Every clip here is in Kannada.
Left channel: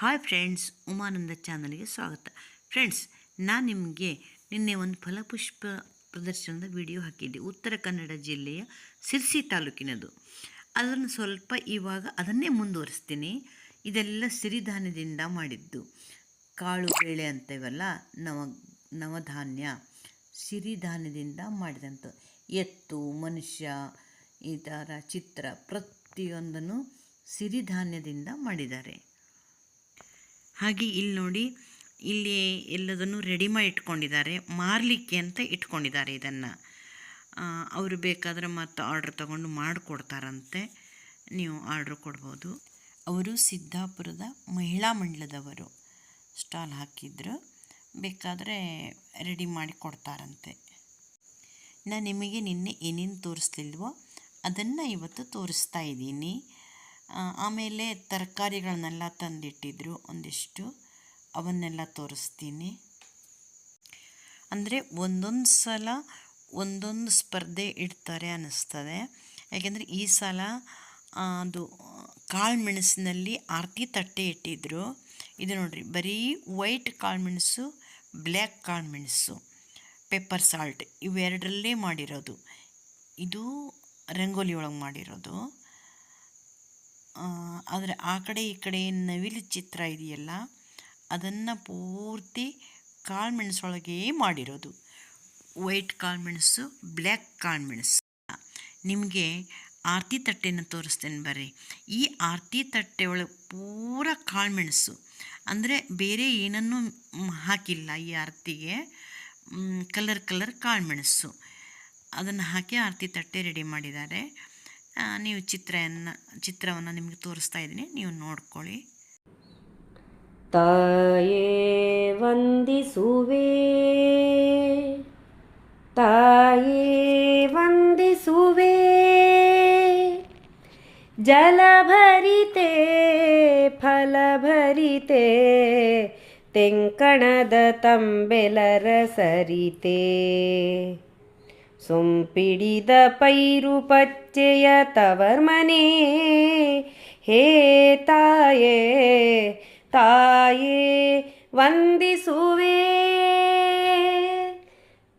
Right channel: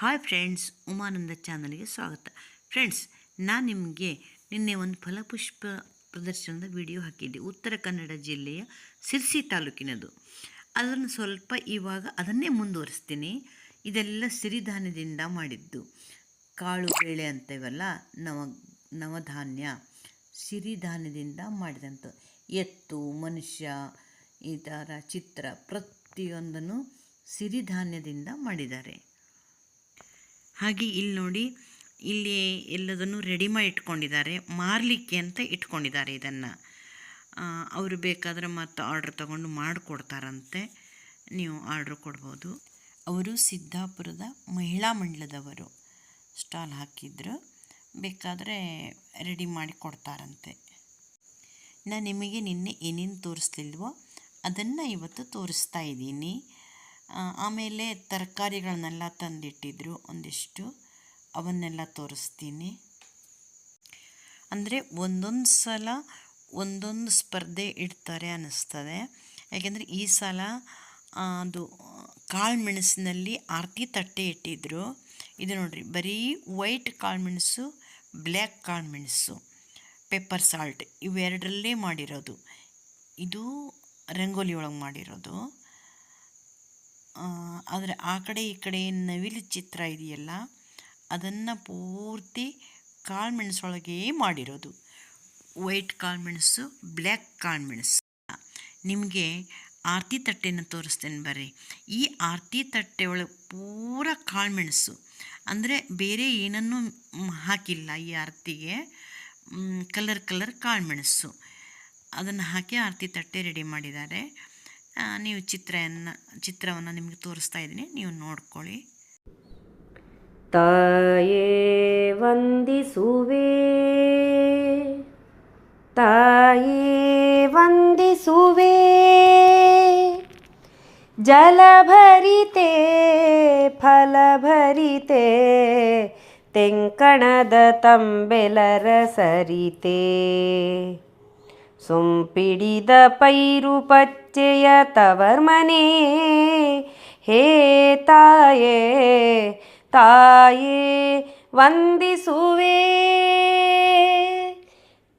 ಹಾಯ್ ಫ್ರೆಂಡ್ಸ್ ಉಮಾನಂದ ಚಾನಲ್ಗೆ ಸ್ವಾಗತ. ಫ್ರೆಂಡ್ಸ್ ನಾನು ನಿಮಗೆ ನಿನ್ನೆ ಒಂದು ಫಲಪುಷ್ಪ ಪ್ರದರ್ಶನದ ವಿಡಿಯೋ ಹಾಕಿದ್ದೆ. ಉತ್ತರ ಕನ್ನಡ ಜಿಲ್ಲೆಯ ಸಿರ್ಸಿ ತಾಲೂಕಿನದು. ಅದನ್ನು ಸ್ವಲ್ಪ ಇವಾಗ ಅದನ್ನೇ ಮುಂದುವರಿಸ್ತೀನಿ. ಇದೆಲ್ಲ ಸಿರಿಧಾನ್ಯದಿಂದ ಮಾಡಿದ್ದು. ಕಾಳು ಬೇಳೆ ಅಂತೇವಲ್ಲ, ನವ, ನವಧಾನ್ಯ ಸಿರಿಧಾನ್ಯದಿಂದ ಮಾಡಿದಂಥ ಎತ್ತು, ಮನುಷ್ಯ, ಈ ಥರ ಚಿತ್ರ ಪ್ರತಿಯೊಂದನ್ನು ಸಿರಿಧಾನ್ಯದಿಂದ ಮಾಡಿದ್ದಾರೆ. ಹಾಗೆ ಇಲ್ಲಿ ನೋಡಿ, ಇಲ್ಲಿ ಎಲ್ಲದನ್ನು ರೆಡಿ ಮಾಡಿ ಇಟ್ಕೊಂಡಿದ್ದಾರೆ. ಮಾರಲಿಕ್ಕೆ ಅಂತ ಇಟ್ಕೊಂಡಿದ್ದಾರೆ ಇದನ್ನು. ಅವರು ಬೇಕಾದರೆ ಮತ್ತು ಆರ್ಡ್ರ್ ತಗೊಂಡು ಮಾಡಿಕೊಡ್ತಾರಂತೆ. ನೀವು ಆರ್ಡ್ರ್ ಕೊಡ್ಬೋದು. ಅವರು ಸಿದ್ದಾಪುರದ ಮಹಿಳಾ ಮಂಡಲದವರು. ಸ್ಟಾಲ್ ಹಾಕಿದ್ರು. ಬೇಕಾದರೆ ರೆಡಿ ಮಾಡಿ ಕೊಡ್ತಾರಂತೆ. ನಾನು ನಿಮಗೆ ನಿನ್ನೆ ಏನೇನು ತೋರಿಸ್ಲಿಲ್ವೋ ಅದನ್ನು ಇವತ್ತು ತೋರಿಸ್ತಾ ಇದ್ದೀನಿ. ಆಮೇಲೆ ತರಕಾರಿಗಳನ್ನೆಲ್ಲ ತಂದಿಟ್ಟಿದ್ರು ಒಂದಿಷ್ಟು. ಅವನ್ನೆಲ್ಲ ತೋರಿಸ್ತೀನಿ. ಅಂದರೆ ಒಂದೊಂದು ಸಲ ಒಂದೊಂದು ಸ್ಪರ್ಧೆ ಇಡ್ತಾರೆ ಅನ್ನಿಸ್ತದೆ. ಯಾಕೆಂದರೆ ಈ ಸಲ ಅದು ಕಾಳು ಮೆಣಸಿನಲ್ಲಿ ಆರತಿ ತಟ್ಟೆ ಇಟ್ಟಿದ್ರು. ಇದು ನೋಡಿರಿ, ಬರೀ ವೈಟ್ ಕಾಳು ಮೆಣಸು, ಬ್ಲ್ಯಾಕ್ ಕಾಳು ಮೆಣಸು, ಪೆಪ್ಪರ್ ಸಾಲ್ಟ್ ಇವೆರಡರಲ್ಲೇ ಮಾಡಿರೋದು. ಇದು ರಂಗೋಲಿ ಒಳಗೆ ಮಾಡಿರೋದು. ಆದರೆ ಆ ಕಡೆ ಈ ಕಡೆ ನವಿಲು ಚಿತ್ರ ಇದೆಯಲ್ಲ, ಅದನ್ನು ಪೂರ್ತಿ ಕಾಳು ಮೆಣಸೊಳಗೆ ಮಾಡಿರೋದು. ವೈಟ್ ಕಾಳುಮೆಣಸು ಬ್ಲ್ಯಾಕ್ ಕಾಳುಮೆಣಸು ನಿಮಗೆ ಆರತಿ ತಟ್ಟೆನ ತೋರಿಸ್ತೇನೆ ಬರ್ರಿ. ಈ ಆರತಿ ತಟ್ಟೆ ಒಳಗೆ ಪೂರ ಕಾಳುಮೆಣಸು ಅಂದರೆ ಬೇರೆ ಏನನ್ನೂ ಹಾಕಿಲ್ಲ ಈ ಆರತಿಗೆ. ಕಲರ್ ಕಲರ್ ಕಾಳುಮೆಣಸು ಅದನ್ನು ಹಾಕಿ ಆರತಿ ತಟ್ಟೆ ರೆಡಿ ಮಾಡಿದ್ದಾರೆ. ನೀವು ಚಿತ್ರವನ್ನು ಚಿತ್ರವನ್ನು ನಿಮಗೆ ತೋರಿಸ್ತಾ ಇದ್ದೀನಿ. ನೀವು ನೋಡ್ಕೊಳ್ಳಿ. ತಾಯೇ ವಂದಿಸುವೆ. ತಾಯೇ ವಂದಿಸುವೆ. ಜಲಭರಿತೆ ಫಲಭರಿತೆ ತೆಂಕಣದ ತಂಬೆಲರ ಸರಿತೆ. ಸೊಂಪಿಡಿದ ಪೈರು ಪಚ್ಚೆಯ ತವರ್ಮನೆ. ಹೇ ತಾಯೇ ತಾಯೇ, ವಂದಿಸುವೆ.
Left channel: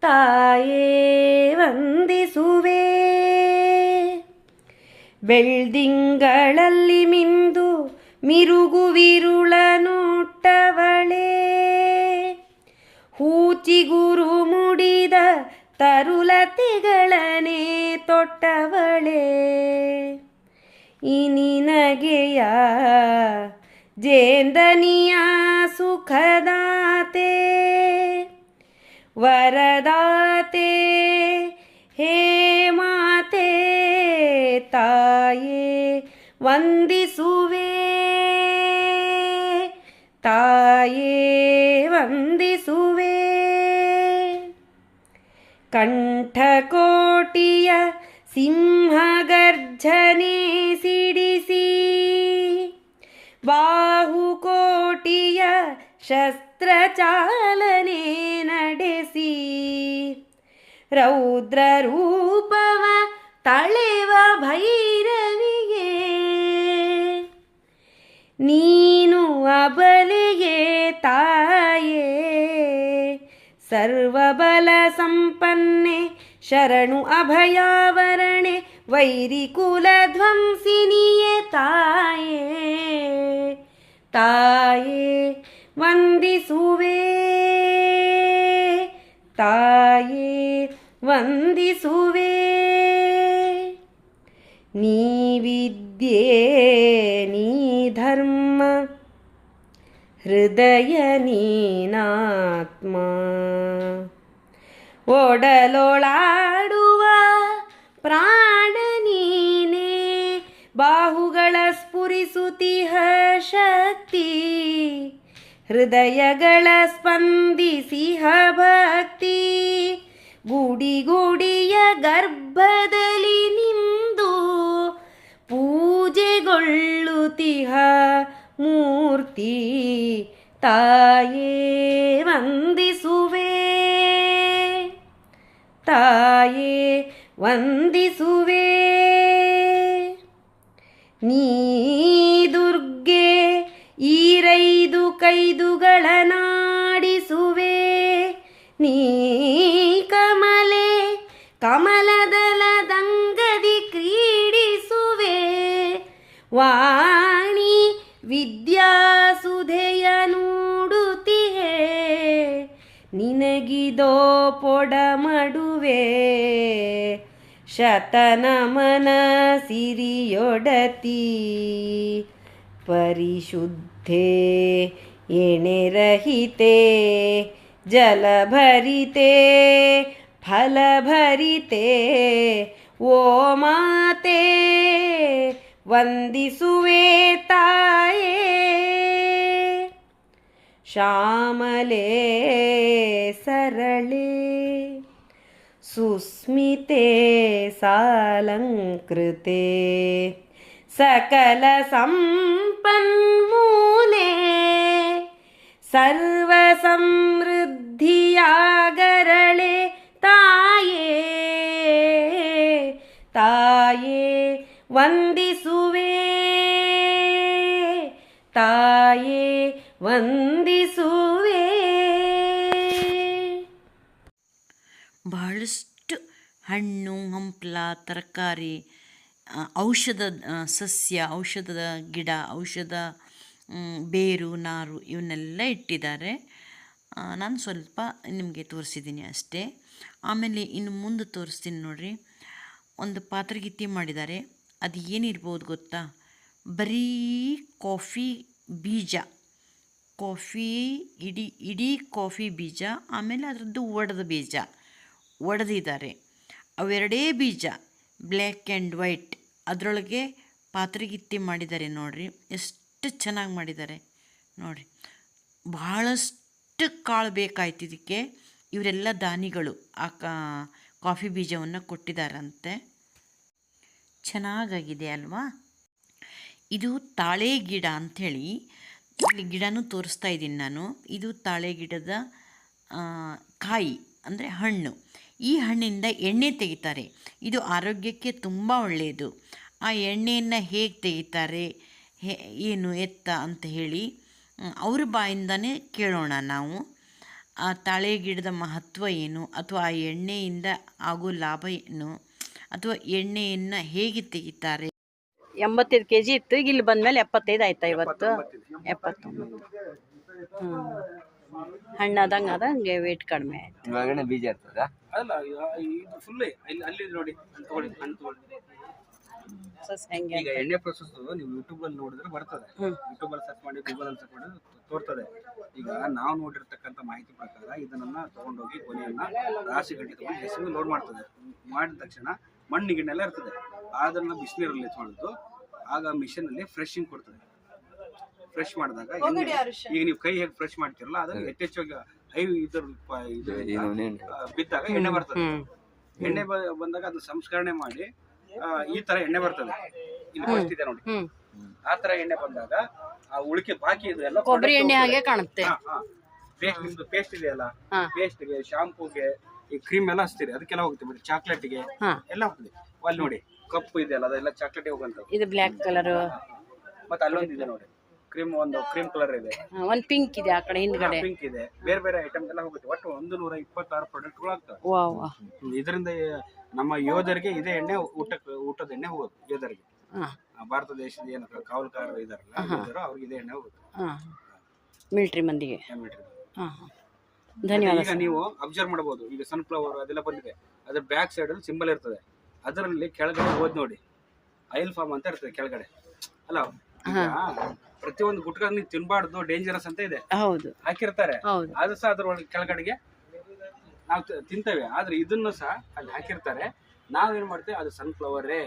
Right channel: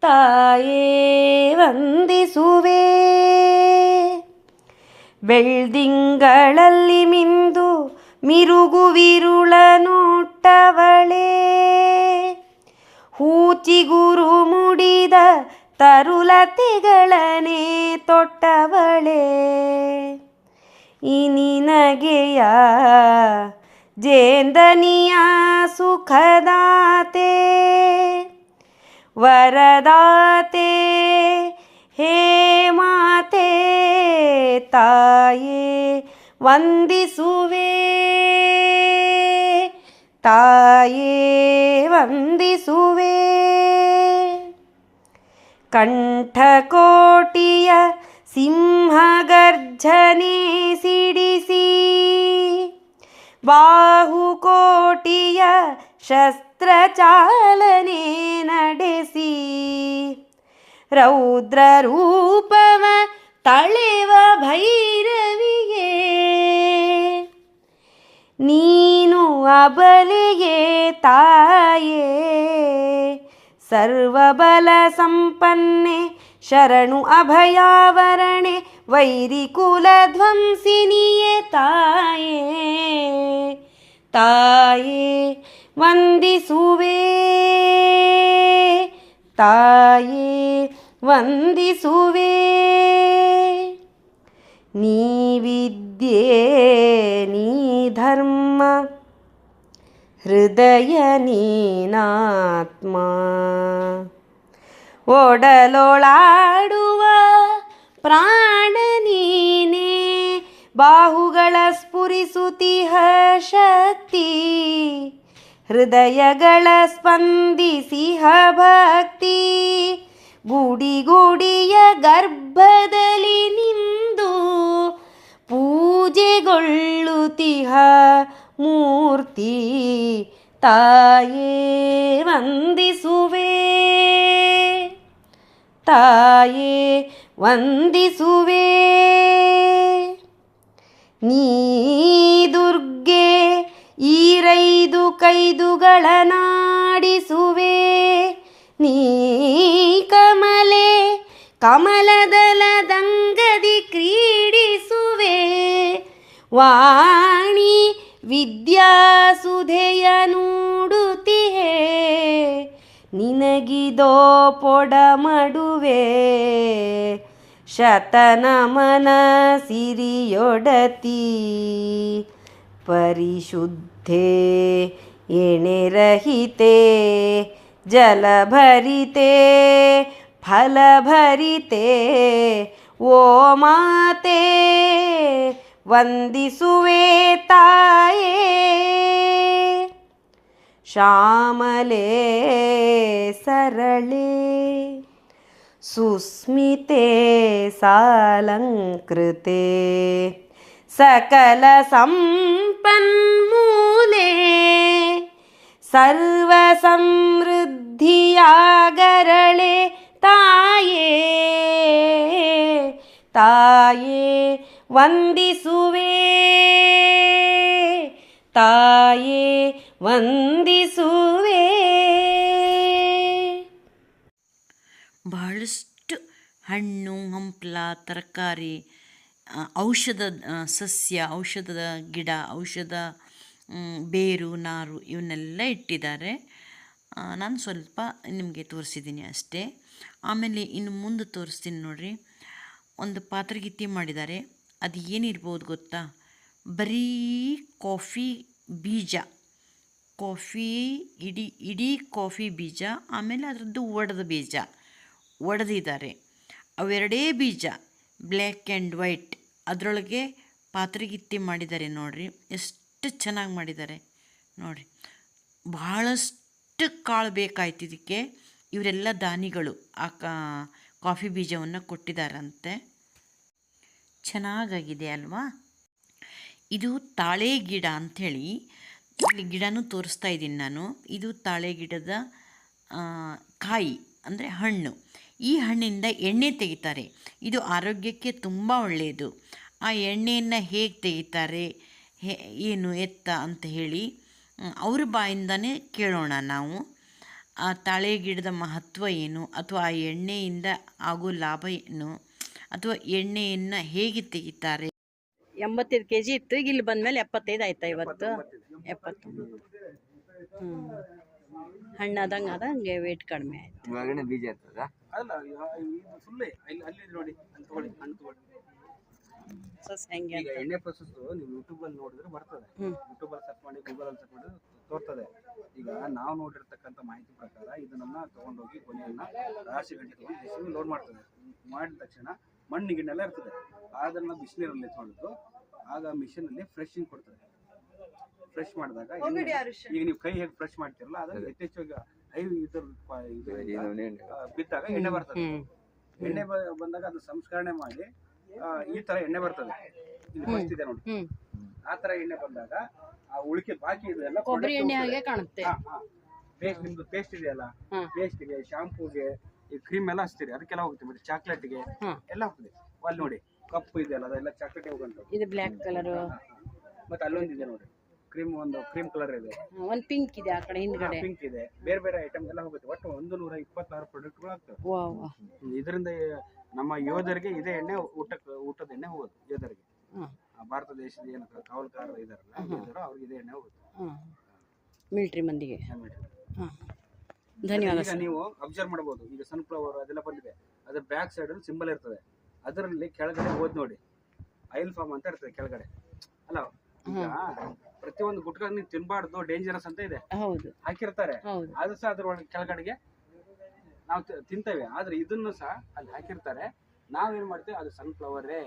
ತಾಯೇ, ವಂದಿಸುವೆ. ಬೆಳ್ದಿಂಗಳಲ್ಲಿ ಮಿಂದು ಮಿರುಗುವಿರುಳ ನೋಟ್ಟವಳೇ ಹೂಚಿಗುರು ಮುಡಿದ ತರುಲತೆಗಳನೆ ತೊಟ್ಟವಳೆ. ಈ ನಿನಗೆಯ ಜೇಂದನಿಯ ಸುಖದಾತೆ ವರದಾತೆ ಹೇ ಮಾತೆ ತಾಯೇ ವಂದಿಸುವೆ. ತಾಯೇ ವಂದಿಸುವೆ. ಕಂಠಕೋಟಿಯ ಸಿಂಹಗರ್ಜನೆ ಸಿಡಿಸಿ ಬಾಹುಕೋಟಿಯ ಶಸ್ತ್ರಚಾಲನೆ ನಡೆಸಿ ರೌದ್ರ ರೂಪವ ತಳೆವ ಭೈರವಿಗೆ ನೀನು ಅಬಲಿಗೆ ತಾಯೇ. ಸರ್ವಬಲ ಸಂಪನ್ನೆ ಶರಣು ಅಭಯಾವರಣೆ ವೈರಿಕುಲ ಧ್ವಂಸಿನಿಯೇ ತಾಯೇ ತಾಯೇ ವಂದಿಸುವೆ. ವಂದಿಸುವೆ ನೀ ಧರ್ಮ ಹೃದಯ ನೀನಾತ್ಮ. ಒಡಲೊಳಾಡುವ ಪ್ರಾಣ ನೀನೇ, ಬಾಹುಗಳ ಸ್ಫುರಿಸುತಿಹ ಶಕ್ತಿ ಹೃದಯಗಳ ಸ್ಪಂದಿಸಿಹ ಭಕ್ತಿ ಗುಡಿ ಗುಡಿಯ ಗರ್ಭದಲ್ಲಿ ನಿಂದು ಪೂಜೆಗೊಳ್ಳುತ್ತಿಹ ಮೂರ್ತಿ ತಾಯೇ ವಂದಿಸುವೆ. ತಾಯೇ ವಂದಿಸುವೆ. ನೀ ದುರ್ಗೆ ಈರೈದು ಕೈದುಗಳ ನಾಡಿಸುವೆ ನೀ ಕಮಲೆ ಕಮಲದಲದಂಗದಿ ಕ್ರೀಡಿಸುವೆ. ವಾಣಿ ವಿದ್ಯಾಸುಧೆಯ ನುಡುತ್ತಿಹೆ ನಿನಗಿದೋ ಪೊಡ ಮಡುವೆ ಶತನಮನ ಸಿರಿಯೊಡತಿ ಪರಿಶುದ್ಧೆ ಎಣೆರಹಿತೆ ಜಲಭರಿತೆ, ಫಲಭರಿತೆ, ಓ ಮಾತೆ, ವಂದಿಸುವೆ ತಾಯೇ श्यामले सरले। सुस्मिते सालङ्कृते। सकलसम्पन्मूले सर्वसमृद्धियागरळे ताये। ताये वन्दिसुवे। ತಾಯೇ, ವಂದಿಸುವೆ. ಬಹಳಷ್ಟು ಹಣ್ಣು, ಹಂಪಲ, ತರಕಾರಿ ಔಷಧ ಸಸ್ಯ, ಔಷಧದ ಗಿಡ, ಔಷಧ ಬೇರು, ನಾರು ಇವನ್ನೆಲ್ಲ ಇಟ್ಟಿದ್ದಾರೆ. ನಾನು ಸ್ವಲ್ಪ ನಿಮಗೆ ತೋರಿಸಿದ್ದೀನಿ ಅಷ್ಟೇ. ಆಮೇಲೆ ಇನ್ನು ಮುಂದೆ ತೋರಿಸ್ತೀನಿ ನೋಡಿರಿ. ಒಂದು ಪಾತ್ರಗಿತ್ತಿ ಮಾಡಿದ್ದಾರೆ. ಅದು ಏನಿರ್ಬೋದು ಗೊತ್ತಾ? ಬರೀ ಕಾಫಿ ಬೀಜ, ಕಾಫಿ ಇಡೀ ಇಡೀ ಕಾಫಿ ಬೀಜ, ಆಮೇಲೆ ಅದರದ್ದು ಒಡೆದ ಬೀಜ, ಒಡೆದಿದ್ದಾರೆ. ಅವೆರಡೇ ಬೀಜ ಬ್ಲ್ಯಾಕ್ ಆ್ಯಂಡ್ ವೈಟ್ ಅದರೊಳಗೆ ಪಾತ್ರೆಗಿತ್ತಿ ಮಾಡಿದ್ದಾರೆ ನೋಡಿರಿ. ಎಷ್ಟು ಚೆನ್ನಾಗಿ ಮಾಡಿದ್ದಾರೆ ನೋಡಿರಿ. ಬಹಳಷ್ಟು ಕಾಳು ಬೇಕಾಯ್ತು ಇದಕ್ಕೆ. ಇವರೆಲ್ಲ ದಾನಿಗಳು ಆ ಕಾಫಿ ಬೀಜವನ್ನು ಕೊಟ್ಟಿದ್ದಾರಂತೆ. ಚೆನ್ನಾಗಾಗಿದೆ ಅಲ್ವಾ? ಇದು ತಾಳೆ ಗಿಡ ಅಂಥೇಳಿ ಇಲ್ಲಿ ಗಿಡನೂ ತೋರಿಸ್ತಾ ಇದ್ದೀನಿ ನಾನು. ಇದು ತಾಳೆ ಗಿಡದ ಕಾಯಿ, ಅಂದರೆ ಹಣ್ಣು. ಈ ಹಣ್ಣಿಂದ ಎಣ್ಣೆ ತೆಗಿತಾರೆ. ಇದು ಆರೋಗ್ಯಕ್ಕೆ ತುಂಬ ಒಳ್ಳೆಯದು. ಆ ಎಣ್ಣೆಯನ್ನು ಹೇಗೆ ತೆಗಿತಾರೆ, ಹೇ, ಏನು ಎತ್ತ ಅಂತ ಹೇಳಿ ಅವ್ರ ಬಾಯಿಂದನೇ ಕೇಳೋಣ ನಾವು. ಆ ತಾಳೆ ಗಿಡದ ಮಹತ್ವ ಏನು, ಅಥವಾ ಆ ಎಣ್ಣೆಯಿಂದ ಆಗೋ ಲಾಭ ಏನು, ಅಥವಾ ಎಣ್ಣೆಯನ್ನು ಹೇಗೆ ತೆಗಿತಾರೆ ಎಂಬತ್ತೈದು ಕೆ ಜಿ ಇತ್ತು ಈಗ ಇಲ್ಲಿ ಬಂದ್ಮೇಲೆ ಎಪ್ಪತ್ತೈದು ಆಯ್ತಾ ಇವತ್ತು? ಎಪ್ಪತ್ತೊಂಬತ್ತು. ಹ್ಞೂ ಹಣ್ಣಾದಂಗೆ ಹಂಗೆ ವೇಟ್ ಕಡಿಮೆ ಆಯ್ತು. ಒಳಗಡೆ ಬೀಜ ಇರ್ತದ? ಅಲ್ಲ ಇದು ಫುಲ್ ಅಲ್ಲಿ ಅಲ್ಲಿ ನೋಡಿ ತಗೊಳ್ಳಿ ಹಣ್ಣ್ ತಗೊಳ್ಳಿ. ಸಸ್ ಹೆಂಗೆ ಈಗ ಎಣ್ಣೆ ಪ್ರೊಸೆಸ್ ನೀವು ಯೂಟ್ಯೂಬ್ ಅಲ್ಲಿ ನೋಡಿದ್ರೆ ಬರ್ತದೆ. ಯೂಟ್ಯೂಬ್ ಅಲ್ಲಿ ಸರ್ಚ್ ಮಾಡಿ ಗೂಗಲ್ ಅಲ್ಲಿ ಸರ್ಚ್ ಮಾಡಿ ತೋರ್ತದೆ. ಈಗ ನಾವು ನೋಡಿರ್ತಕ್ಕಂಥ ಮಾಹಿತಿ ಪ್ರಕಾರ ಇದನ್ನ ತಗೊಂಡೋಗಿ ಕೊನೆಯನ್ನ ರಾಶಿ ಗಟ್ಟಿ ತಗೊಂಡು ಹೆಸರು ಲೋಡ್ ಮಾಡ್ತದೆ. ಮಾಡಿದ ತಕ್ಷಣ ಮಣ್ಣು ಗಿಣ್ಣೆಲ್ಲ ಇರ್ತದೆ. ಅದನ್ನ ಬಿಸಿನೀರಲ್ಲಿ ಎತ್ಕೊಂಡು ಆಗ ಮಿಷನ್ ಅಲ್ಲಿ ಫ್ರೆಶಿಂಗ್ ಕೊಡ್ತದೆ. ಫ್ರೆಶ್ ಮಾಡಿದಾಗ ಈಗ ನೀವು ಕೈ ಹೇಗೆ ಫ್ರೆಶ್ ಮಾಡ್ತಿರಲ್ಲ ಅದು ಯಥೇಚ್ಛವಾಗಿ ಹೈ ಇದ್ರ ಬಿದ್ದಾಗ ಎಣ್ಣೆ ಬರ್ತದೆ. ಎಣ್ಣೆ ಬಂದಾಗ ಅದು ಸಂಸ್ಕರಣೆ ಮಾಡಿ ಈ ತರ ಎಣ್ಣೆ ಬರ್ತದೆ. ಇಲ್ಲಿ ಫಸ್ಟ್ ಇದೆ ನೋಡಿ. ಆ ತರ ಎಣ್ಣೆ ಬಂದಾಗ ಆ ಉಳಿಕೆ ಬಾಕಿ ಇದೆ ಎಲ್ಲ ಕೊಬ್ಬರಿ ಎಣ್ಣೆ ಹಾಗೆ ಕಾಣುತ್ತೆ. ಪೇಸ್ಟ್ ನಿಮ್ದು ಪೇಸ್ಟ್ ಇದೆಯಲ್ಲ. ಪೇಸ್ಟ್ಗೆ ಶಾಂಪೂಗೆ ಈ ಕ್ರೀಮ್ ಎಲ್ಲ ಹಚ್ತೀರಿ ಅದಕ್ಕೆಲ್ಲ ಹೋಗುತ್ತೆ ಬಿಡಿ. ಚಾಕ್ಲೇಟ್ಗೆ. ಎಲ್ಲ ಹೋಗ್ತದೆ. ಅಲ್ಲಿ ನೋಡಿ. ಕಪ್ಪು ಇದೆಯಲ್ಲ ಅದೆಲ್ಲ ಚಾಕ್ಲೇಟ್ ಹೋಗಂತ ಇದು ಬ್ಲ್ಯಾಕ್ ಕಲರ್ ಮತ್ತೆ ಅಲ್ಲೊಂದು ಇದೆ ನೋಡಿ. ಕ್ರೀಮ್ ಒಂದು ಕ್ರೀಮ್ ಕಲರ್ ಇದೆ. ಒಂದು ಪಿಂಕ್ ಇದೆ ಆ ಕಡೆ ಹಿಂದ್ಗಡೆ. ಪಿಂಕ್ ಇದೆ. ಬೇರೆ ಬೇರೆ ಐಟಮ್ ಎಲ್ಲ ಹೋಗುತ್ತೆ. ಒಟ್ಟು ಒಂದು ನೂರ ಇಪ್ಪತ್ತಾರು ಪ್ರಾಡಕ್ಟ್ಗಳು ಆಗ್ತವೆ ಇದರಿಂದ ನಮ್ಮ ಯೋಧರಿಗೆ ಇದೇ ಎಣ್ಣೆ ಊಟಕ್ಕೆ ಊಟದ ಎಣ್ಣೆ ಹೋಗೋದು ಯೋಧರಿಗೆ. ಹಾಂ. ಆ ಭಾರತ ದೇಶದ ಏನು ಕಾವಲ್ಕಾರ ಇದಾರಲ್ಲ ಯೋಧರು ಅವ್ರಿಗೆ ಇದೇ ಎಣ್ಣೆ ಹೋಗುತ್ತೆ. ಹಾಂ. ಮಿಲ್ಟ್ರಿ ಮಂದಿಗೆ. ಹಾಂ ಧನ್ಯವಾದ ಈಗ ನೀವು ಅಬ್ಸರ್ವ್ ಮಾಡಬಹುದು. ಈಗ ಸನ್ಫ್ಲವರ್ ಅದೆಲ್ಲ ಬಂದಿದೆ. ಅದ್ರ ಬ್ಯಾಕ್ ಸೈಡ್ ಅಲ್ಲಿ ಸಿಂಬಲ್ ಇರ್ತದೆ. ಅದರಲ್ಲಿ ಕೆಳಗಡೆ ಹೋದ್ ನೋಡಿ. ಆಯಿಲ್ ಫಾರ್ಮ್ ಅಂತ ಇರ್ತದೆ ಕೆಳಗಡೆ. ಅಲ್ಲ ಈಗ ಪ್ರತಿಯೊಂದು ಗುಟ್ಕ ನೀವು ತಿನ್ಬಾರ್ದು ಡೇಂಜರಸ್ ಅಂತ ಇದೆ. ಹೌದು. ಹಾಕಿರ್ತಾರೆ. ಅದು ಸಹ ಅದ್ರೊಳಗೆ ಕೆಳಗಡೆಗೆ ನಾವು ತಿಂತೇವೆ. ಆದ್ರೆ ಇದನ್ನ ಸಹ ಅಲ್ಲಿ ಹಾಕಿರ್ತಾರೆ. ನಾವೇನ್ ಮಾಡ್ತೇವೆ? ಅದು ಸನ್ಫ್ಲವರೇ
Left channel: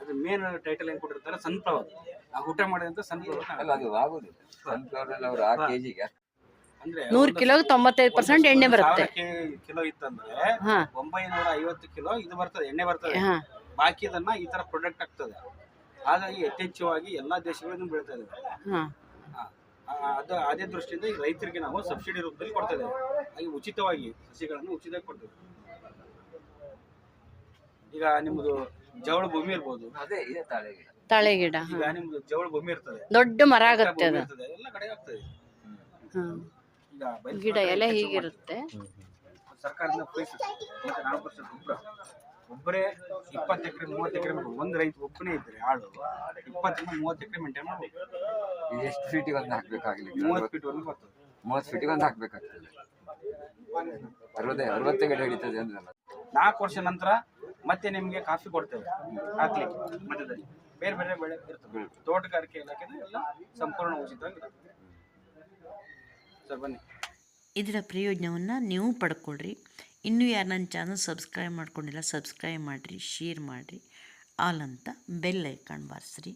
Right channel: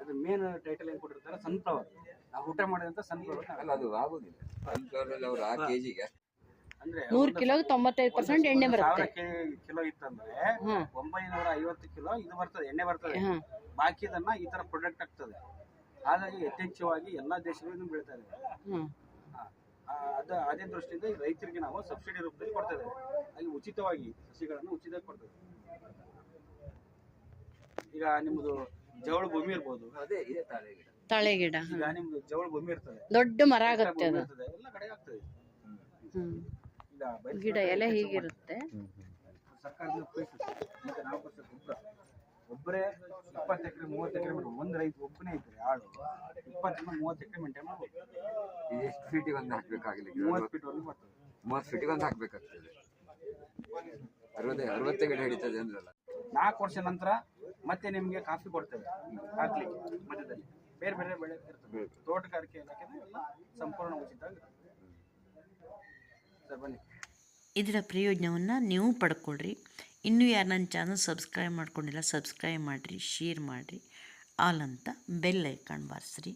ಅದು ಮೇನ್ ಟೈಟಲ್ ಏನ್ ಕೊಟ್ಟಿರ್ತಾರೆ? ಸನ್ಫ್ಲವರ್ ಆ ಊಟ ಮಾಡಿದಂತ ಅಲ್ಲ ಸನ್ಫ್ಲವರ್ ಅದು ಆಗುದಿಲ್ಲ. ಸನ್ಫ್ಲವರ್ ಅಲ್ಲಿ ಅವ್ರು ಆ ಕೆಜಿಗೆ ನೂರು ಕಿಲೋ ತೊಂಬತ್ತೈದು ಪರ್ಸೆಂಟ್ ಎಣ್ಣೆ ಬರುತ್ತೆ. ಕಿಲೋ ಇತ್ತಂದ್ರೆ ಒಂಬೈನೂರ ಐವತ್ತು ಕಿಲೋ ಇದು ಬರ್ತದೆ ಎಣ್ಣೆ ಬರ್ತದೆ. ಬಾಕಿ ಬಾಕಿದನ್ನ ಈ ತರ ಪ್ರೊಡಕ್ಟ್ ಆಗ್ತದೆ ಹಾಗಾಗಿ ಯಥೇಚ್ಛವಾಗಿ ಎಲ್ಲಾ ದೇಶಗಳಿಂದ ಬೆಳಿತಾ ಇದೆ ಅದು ಅದೇ ದೃಷ್ಟಿಯಿಂದ ರೈತರಿಗೆ ನಾವು ಸಬ್ಸಿಡಿ ರೂಪದಲ್ಲಿ ಕೊಡ್ತಾ ಇದ್ದೇವೆ ಹಾಗೆ ಉಚಿತವಾಗಿ ಸಸಿಗಳನ್ನು ಉಚಿತವಾಗಿ ಕೊಡ್ತೇವೆ. ಈಗ ನಿಮ್ಮದು ಜವಳ ಭೂಮಿ ಇರ್ಬೋದು. ಅದೇ ಇದೆ ತಾಳೆ ಗಿಡ. ತಾಳೆ ಗಿಡ ಈಗ ನಿಮ್ದು ಜವಳ ಭೂಮಿ ಇರ್ತದೆ. ದೊಡ್ಡ ಮರ ಆಗುತ್ತೆ ಎಲ್ಲ ಕಡೆ ಆಗ್ತದೆ. ಗಿಡ ಎಲೆ ಹೀಗಿರುತ್ತೆ. ಸರ್ಕಾರದಿಂದ ಮತ್ತೆ ನಾಲ್ಕು ವರ್ಷ ಗೊಬ್ಬರ. ಒಬ್ಬರೇ ಇಪ್ಪತ್ತು ಎಕರೆ ಮೂವತ್ತು ಎಕರೆ ಒಂದು ರೈತ ಒಬ್ಬನೇ ಇದ್ರೆ ಆಳು ಇಪ್ಪತ್ತರಿಂದ ಮೂವತ್ತು ಎಕರೆ ಮೇಂಟೈನ್ ಮಾಡ್ಬೇಕು ಇದು ಎಷ್ಟು ಫೀಟಿಗೆ ಒಂದು ಹಾಕ್ಬೇಕಾಗ್ಲಿಕ್ಕೆ ಮೂವತ್ತು ಫೀಟ್ ಒಂದು ಬರ್ತದೆ ಮೂವತ್ತು ಫೀಟಿಗೆ ಒಂದು ಹಾಕ್ಬೇಕಾಗ್ತದೆ. ಅರವತ್ತೇ ಅರವತ್ತೇ ಗಿಡ ಹಿಡಿತದೆ ಅಂದ್ರಲ್ಲ. ನಾಲ್ಕು ವರ್ಷ ನಂತರ ಮತ್ತೆ ನಿಮಗೆ ಕಾಫಿ ಕೊಡ್ತೇವೆ. ಹಾಕ್ಲಿಕ್ಕೆ ಮಧ್ಯದಲ್ಲಿ. ಬೇರೆ ಬೇರೆ ಬೆಳೆ ಇರ್ತದೆ. ತೋಟಗಾರಿಕೆ ಇಲಾಖೆ ಎಲ್ಲ ಸಂಪೂರ್ಣ ಉಚಿತವಾಗಿ ಸರ್ ಬನ್ನಿ. ಇದರ ಪ್ರಯೋಜನವನ್ನು ನೀವು ಪಡ್ಕೊಳ್ರಿ. ಇನ್ನೂ ಯಾರು ನನ್ನ ಚಾನಲ್ ಸಬ್ಸ್ಕ್ರೈಬ್ ಮಾಡ್ಕೊಂಡಿಲ್ಲ ಸಬ್ಸ್ಕ್ರೈಬ್ ಮಾಡಿರಿ ಶೇರ್ ಮಾಡಿರಿ. ಆಲ್ ಅಂತ ಬೆಲ್ ಐಕಾನ್ ಬಾರಿಸ್ರಿ.